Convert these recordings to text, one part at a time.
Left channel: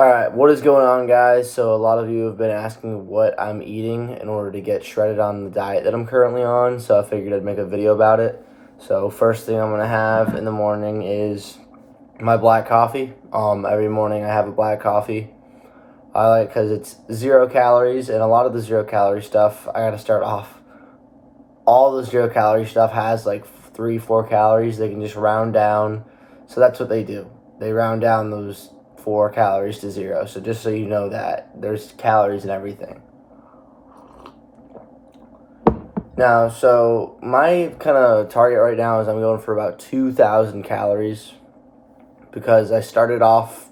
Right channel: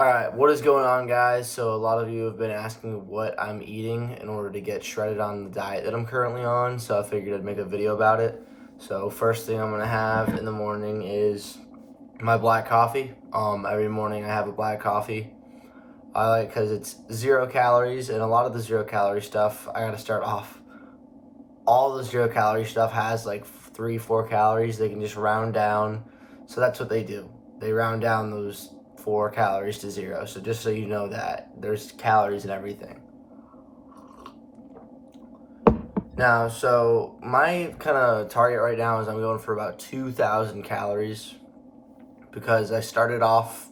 Alright, what is going on, guys? So a lot of you have been asking what I'm eating in order to get shredded on the diet that I'm currently on, so I figured I'd make a video about it. So first thing I'm going to have in the morning is my black coffee. Every morning I have a black coffee. I like because it's 0 calories, and a lot of the 0 calorie stuff, I got to start off. All the 0 calorie stuff has like 3-4 calories. They can just round down. So that's what they do. They round down those 4 calories to 0. So just so you know that there's calories in everything. Now, so my kind of target right now is I'm going for about 2,000 calories because I started off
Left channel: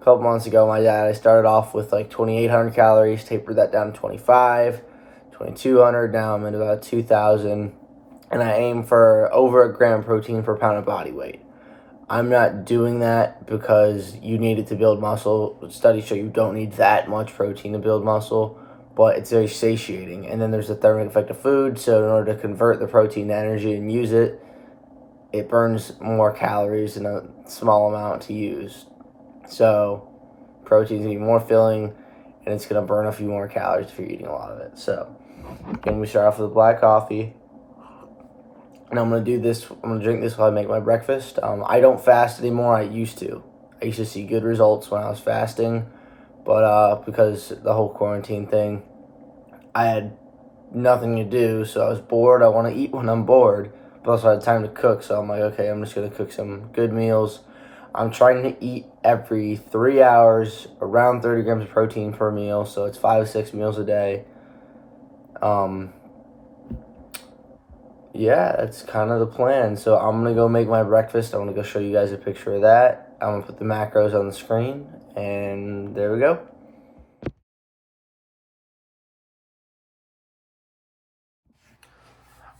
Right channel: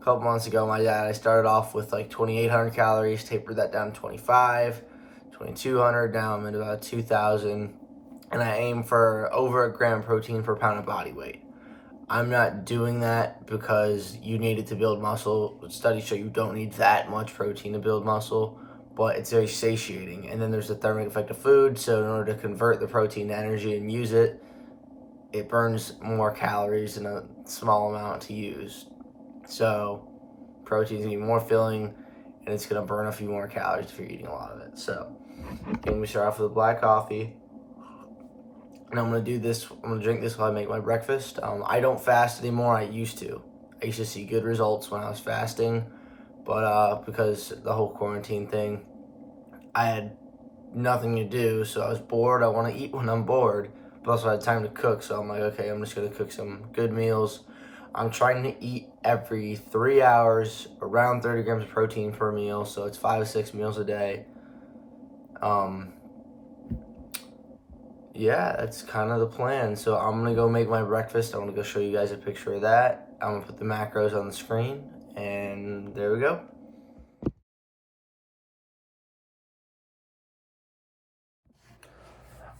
a couple months ago. My diet, I started off with like 2,800 calories, tapered that down to 25, 2,200. Now I'm at about 2,000, and I aim for over a gram protein per pound of body weight. I'm not doing that because you need it to build muscle. Studies show you don't need that much protein to build muscle, but it's very satiating. And then there's the thermic effect of food. So in order to convert the protein to energy and use it, it burns more calories in a small amount to use. So protein's gonna be more filling, and it's gonna burn a few more calories if you're eating a lot of it. So then we start off with black coffee. And I'm going to do this, I'm going to drink this while I make my breakfast. I don't fast anymore. I used to. I used to see good results when I was fasting. But because the whole quarantine thing, I had nothing to do. So I was bored. I want to eat when I'm bored. But also I had time to cook. So I'm like, okay, I'm just going to cook some good meals. I'm trying to eat every 3 hours, around 30 grams of protein per meal. So it's 5 to 6 meals a day. Yeah, that's kind of the plan. So I'm going to go make my breakfast. I want to go show you guys a picture of that. I'm going to put the macros on the screen, and there we go.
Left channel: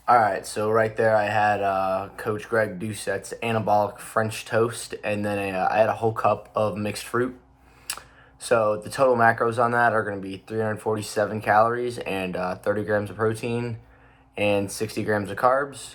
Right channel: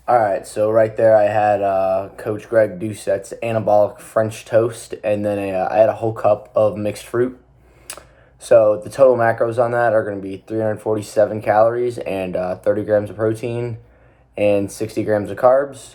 All right, so right there I had Coach Greg Doucette's Anabolic French Toast, and then I had a whole cup of mixed fruit. So the total macros on that are going to be 347 calories and 30 grams of protein and 60 grams of carbs.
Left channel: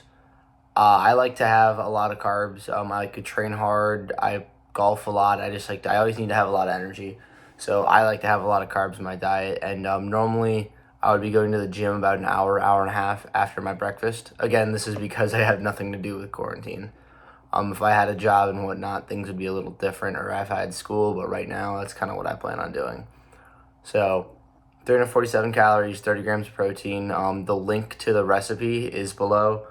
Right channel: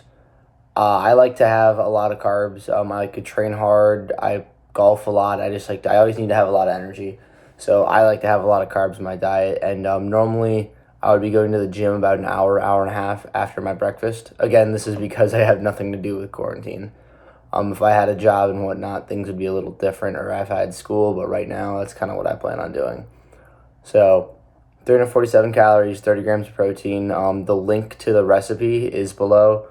I like to have a lot of carbs. I like to train hard. I golf a lot. I always need to have a lot of energy. So I like to have a lot of carbs in my diet. And normally I would be going to the gym about an hour, hour and a half after my breakfast. Again, this is because I have nothing to do with quarantine. If I had a job and whatnot, things would be a little different, or if I had school. But right now, that's kind of what I plan on doing. So 347 calories, 30 grams of protein. The link to the recipe is below.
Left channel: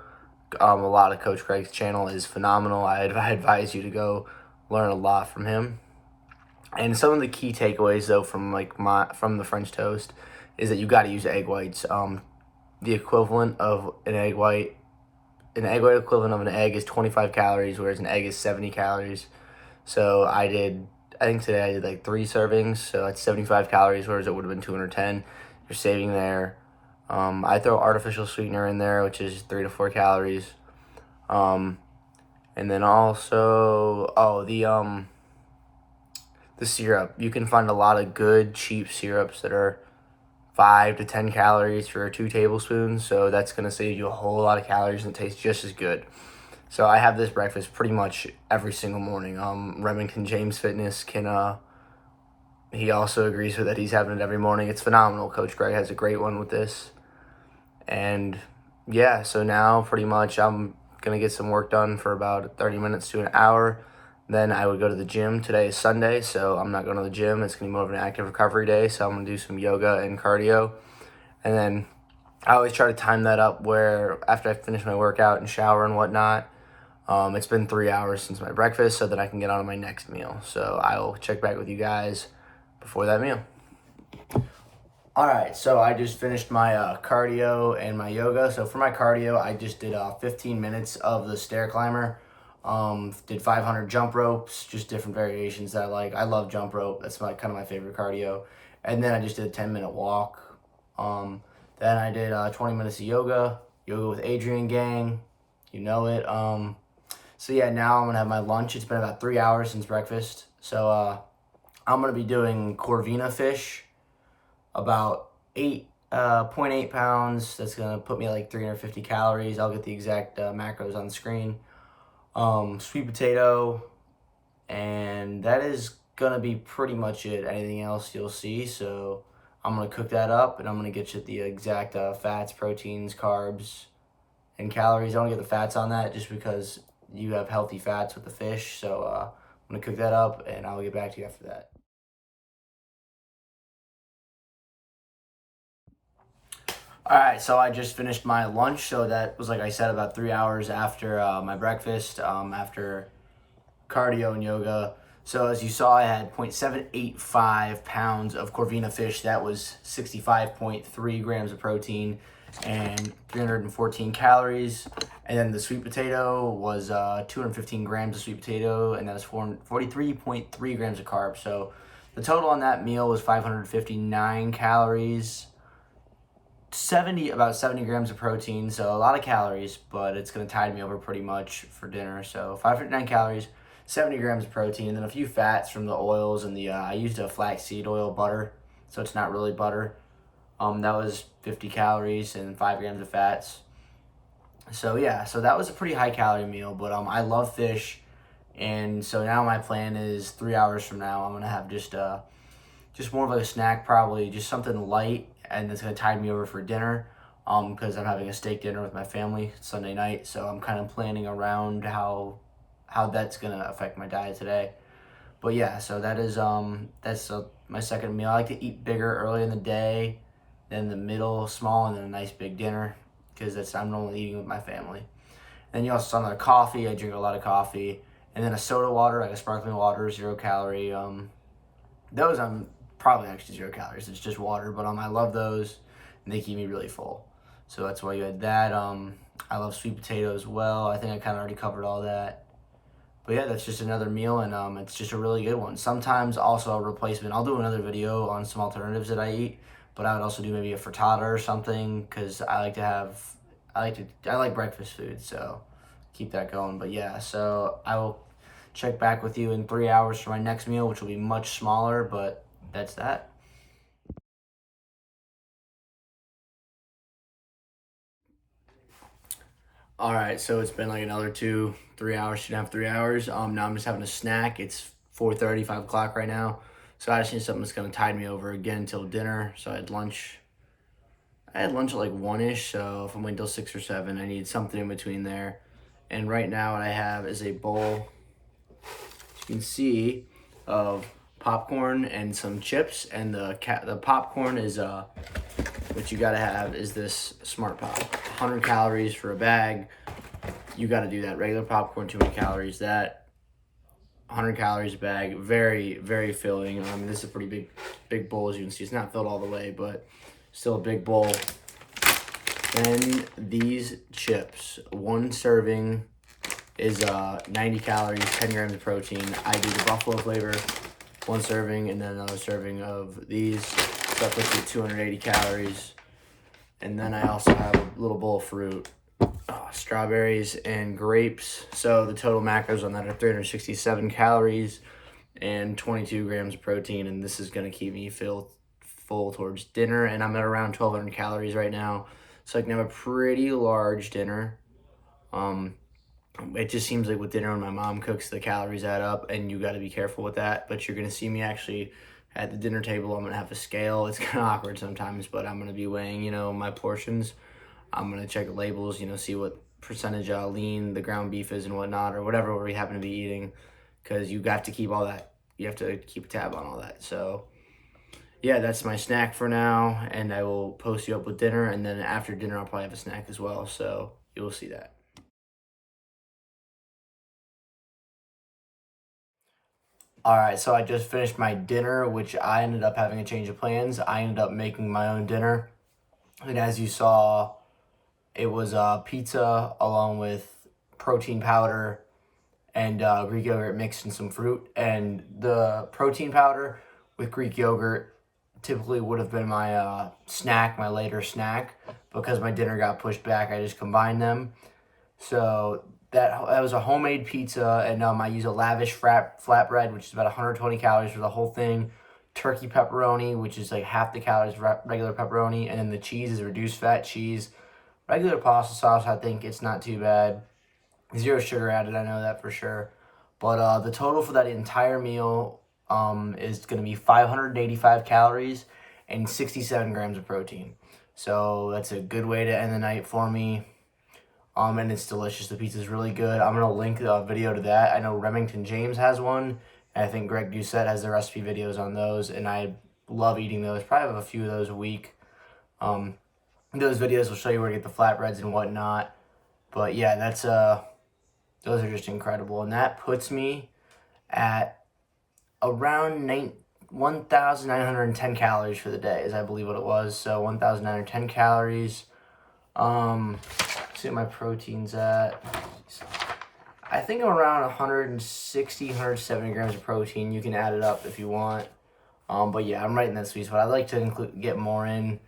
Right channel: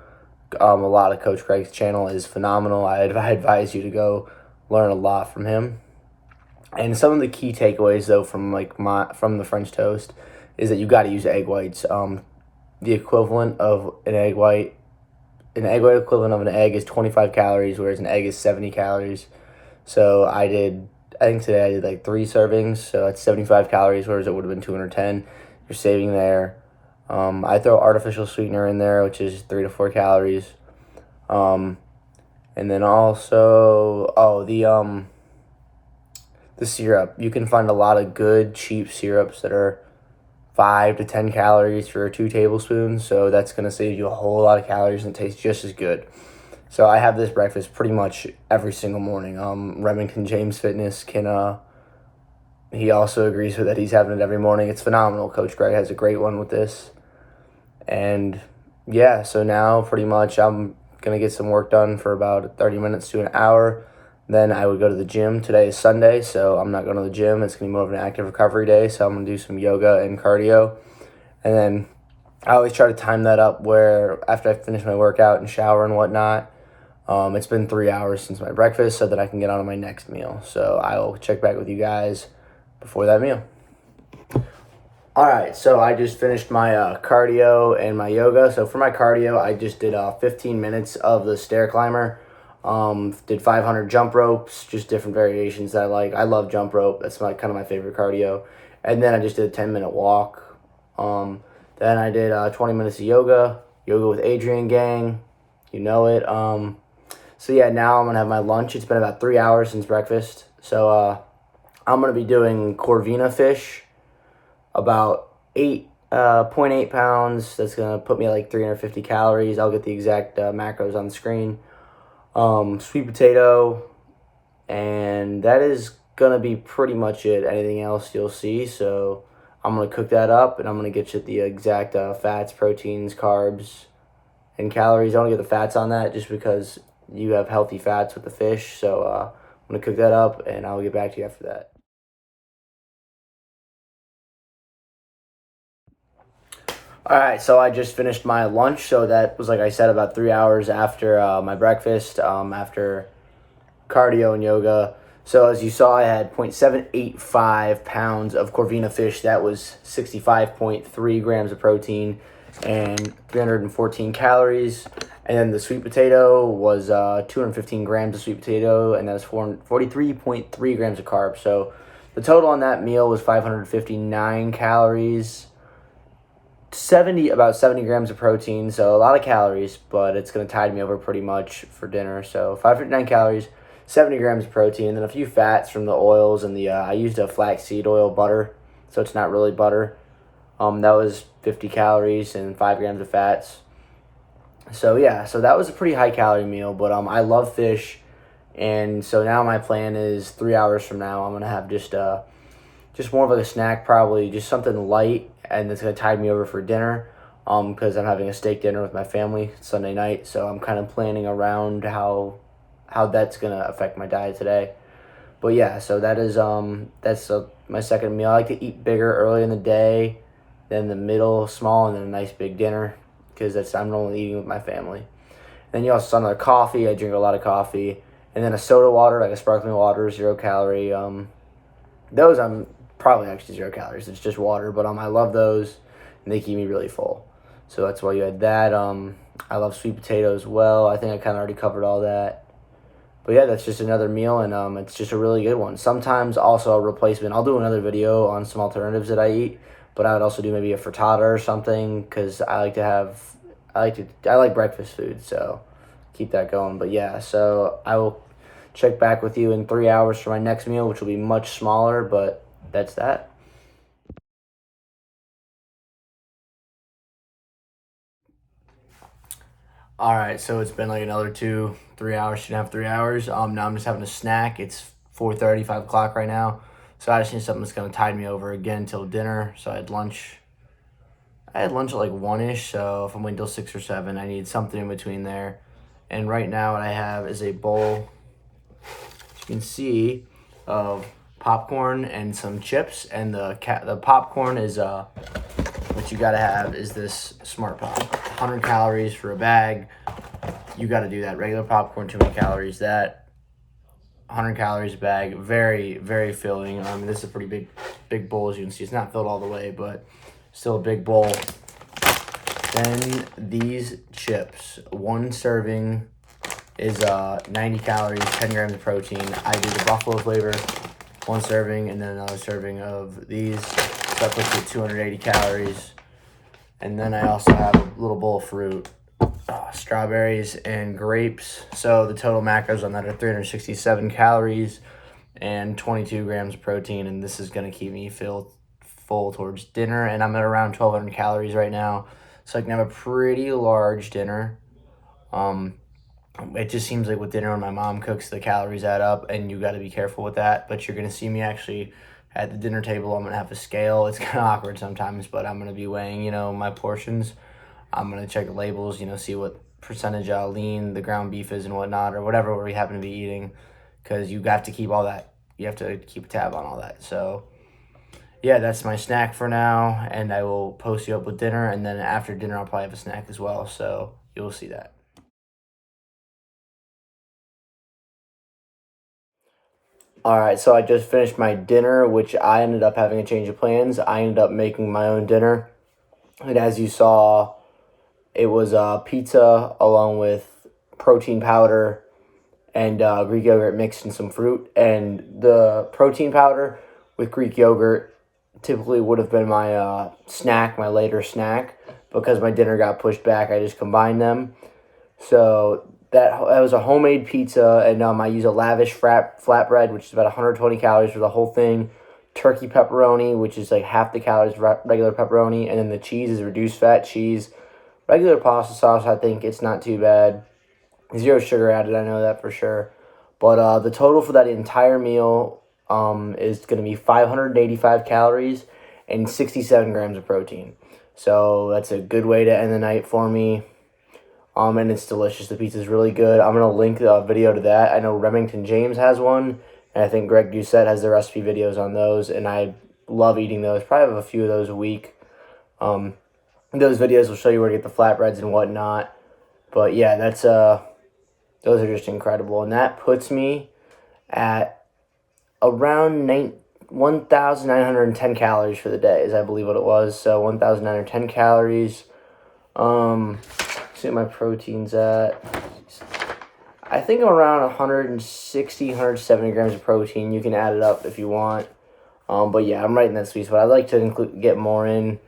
A lot of Coach Greg's channel is phenomenal. I advise you to go learn a lot from him. And some of the key takeaways though from the French toast is that you got to use egg whites. The equivalent of an egg white equivalent of an egg is 25 calories, whereas an egg is 70 calories. So I think today I did like 3 servings, so that's 75 calories, whereas it would have been 210. You're saving there. I throw artificial sweetener in there, which is 3 to 4 calories. And then also, the syrup. You can find a lot of good, cheap syrups that are 5 to 10 calories for 2 tablespoons. So that's going to save you a whole lot of calories and tastes just as good. So I have this breakfast pretty much every single morning. Remington James Fitness he also agrees with that. He's having it every morning. It's phenomenal. Coach Greg has a great one with this. And yeah, so now pretty much I'm going to get some work done for about 30 minutes to an hour. Then I would go to the gym. Today is Sunday, so I'm not going to the gym. It's going to be more of an active recovery day, so I'm going to do some yoga and cardio. And then I always try to time that up where after I finish my workout and shower and whatnot, it's been 3 hours since my breakfast, so that I can get on to my next meal. So I will check back with you guys before that meal. All right, so I just finished my cardio and my yoga. So for my cardio, I just did 15 minutes of the stair climber. Did 500 jump ropes, just different variations that I like. I love jump rope. That's kind of my favorite cardio. And then I just did a 10-minute walk. Then I did 20 minutes of yoga with Adrian Gang. You know it. So yeah, now I'm going to have my lunch. It's been about 3 hours since breakfast. So I'm going to be doing Corvina fish, about 0.8 pounds. That's going to put me at like 350 calories. I'll get the exact macros on the screen. Sweet potato, and that is gonna be pretty much it. Anything else you'll see. So I'm gonna cook that up, and I'm gonna get you the exact fats, proteins, carbs, and calories. I want to get the fats on that just because you have healthy fats with the fish. So I'm gonna cook that up, and I'll get back to you after that. All right, so I just finished my lunch. So that was, like I said, about 3 hours after my breakfast, after cardio and yoga. So as you saw, I had 0.785 pounds of Corvina fish. That was 65.3 grams of protein and 314 calories. And then the sweet potato was 215 grams of sweet potato, and that was 43.3 grams of carbs. So the total on that meal was 559 calories. About 70 grams of protein, so a lot of calories, but it's going to tide me over pretty much for dinner. So 559 calories, 70 grams of protein, and then a few fats from the oils, and I used a flaxseed oil butter, so it's not really butter. That was 50 calories and 5 grams of fats. So yeah, so that was a pretty high calorie meal, but I love fish, and so now my plan is 3 hours from now I'm going to have just more of like a snack, probably just something light, and it's gonna tide me over for dinner. Because I'm having a steak dinner with my family Sunday night, so I'm kind of planning around how that's gonna affect my diet today. But yeah, so that's my second meal. I like to eat bigger early in the day, then the middle small, and then a nice big dinner, because I'm normally eating with my family. Then you also saw another coffee. I drink a lot of coffee, and then a soda water, like a sparkling water, 0 calorie. Those I'm probably actually 0 calories. It's just water, but I love those, and they keep me really full. So that's why you had that. I love sweet potato as well. I think I kind of already covered all that. But yeah, that's just another meal, and it's just a really good one. Sometimes also a replacement. I'll do another video on some alternatives that I eat, but I would also do maybe a frittata or something, because I like breakfast food, so keep that going. But yeah, so I will check back with you in 3 hours for my next meal, which will be much smaller, but that's that. All right, so it's been like another 3 hours, 2.5, 3 hours. Now I'm just having a snack. It's 4:30, 5 o'clock right now. So I just need something that's gonna tide me over again till dinner. So I had lunch. I had lunch at like 1-ish. So if I'm waiting till 6 or 7, I need something in between there. And right now, what I have is a bowl, as you can see, of popcorn and some chips. And the popcorn is what you gotta have is this Smart Pop. 100 calories for a bag. You gotta do that. Regular popcorn, too many calories. That 100 calories a bag. Very, very filling. This is a pretty big bowl, as you can see. It's not filled all the way, but still a big bowl. Then these chips. One serving is 90 calories, 10 grams of protein. I do the buffalo flavor. One serving, and then another serving of these. So that puts you at 280 calories. And then I also have a little bowl of fruit, strawberries and grapes. So the total macros on that are 367 calories and 22 grams of protein. And this is going to keep me full towards dinner. And I'm at around 1,200 calories right now. So I can have a pretty large dinner. It just seems like with dinner, when my mom cooks, the calories add up, and you got to be careful with that. But you're going to see me actually at the dinner table. I'm going to have a scale. It's kind of awkward sometimes, but I'm going to be weighing, my portions. I'm going to check the labels, see what percentage lean the ground beef is and whatnot, or whatever we happen to be eating, because you have to keep all that. You have to keep a tab on all that. So yeah, that's my snack for now, and I will post you up with dinner, and then after dinner, I'll probably have a snack as well. So you'll see that. All right, so I just finished my dinner, which I ended up having a change of plans. I ended up making my own dinner. And as you saw, it was pizza along with protein powder and Greek yogurt mixed in some fruit. And the protein powder with Greek yogurt typically would have been my my later snack. Because my dinner got pushed back, I just combined them. So that was a homemade pizza, and I use a lavish flatbread, which is about 120 calories for the whole thing. Turkey pepperoni, which is like half the calories of regular pepperoni, and then the cheese is reduced fat cheese. Regular pasta sauce, I think it's not too bad. 0 sugar added, I know that for sure. But the total for that entire meal, is going to be 585 calories and 67 grams of protein. So that's a good way to end the night for me. And it's delicious. The pizza is really good. I'm going to link a video to that. I know Remington James has one, and I think Greg Doucette has the recipe videos on those, and I love eating those. Probably have a few of those a week. Those videos will show you where to get the flatbreads and whatnot. But yeah, those are just incredible. And that puts me at around 1,910 calories for the day, is I believe what it was. So 1,910 calories. See what my protein's at. I think I'm around 160, 170 grams of protein. You can add it up if you want. But yeah, I'm right in that sweet spot. I'd like to get more in,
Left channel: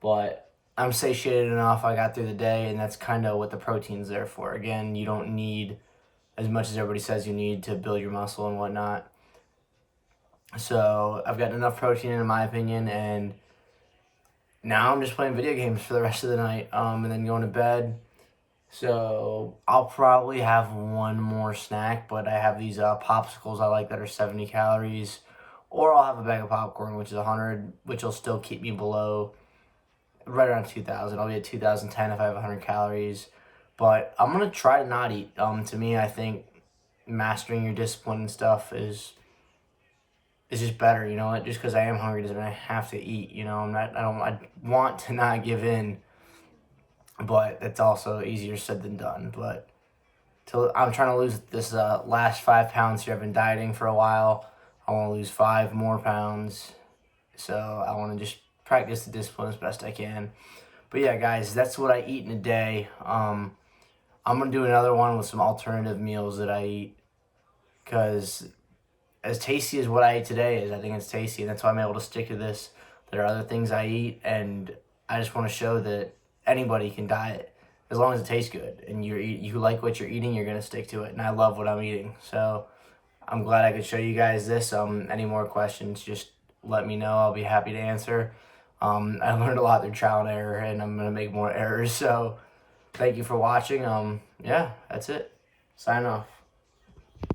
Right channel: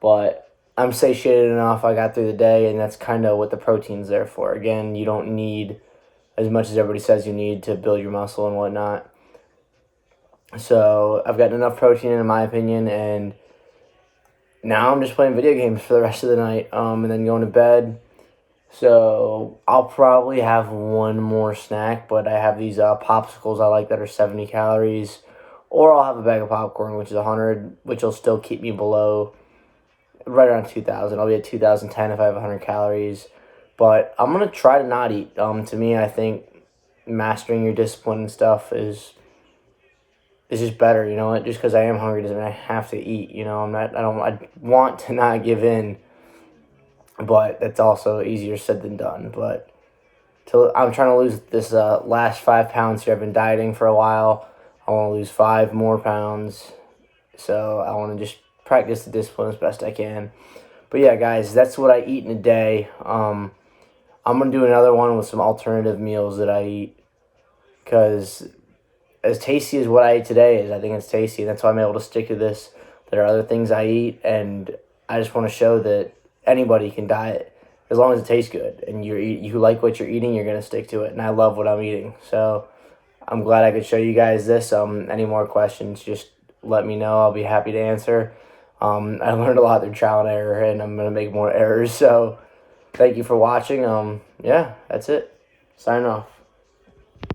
but I'm satiated enough. I got through the day, and that's kind of what the protein's there for. Again, you don't need as much as everybody says you need to build your muscle and whatnot. So I've got enough protein in my opinion, and now I'm just playing video games for the rest of the night, and then going to bed. So I'll probably have one more snack, but I have these popsicles I like that are 70 calories, or I'll have a bag of popcorn, which is 100, which will still keep me below, right around 2,000. I'll be at 2,010 if I have 100 calories, but I'm going to try to not eat. To me, I think mastering your discipline and stuff is just better, you know, just because I am hungry doesn't mean I have to eat, you know, I want to not give in, but that's also easier said than done. But I'm trying to lose this last 5 pounds here. I've been dieting for a while. I want to lose 5 more pounds. So I want to just practice the discipline as best I can. But yeah, guys, that's what I eat in a day. I'm going to do another one with some alternative meals that I eat. Because as tasty as what I ate today is, I think it's tasty. And that's why I'm able to stick to this. There are other things I eat. And I just want to show that anybody can diet as long as it tastes good and you like what you're eating, you're going to stick to it. And I love what I'm eating. So I'm glad I could show you guys this. Any more questions, just let me know. I'll be happy to answer. I learned a lot through trial and error, and I'm going to make more errors. So thank you for watching. Yeah, that's it. Sign off.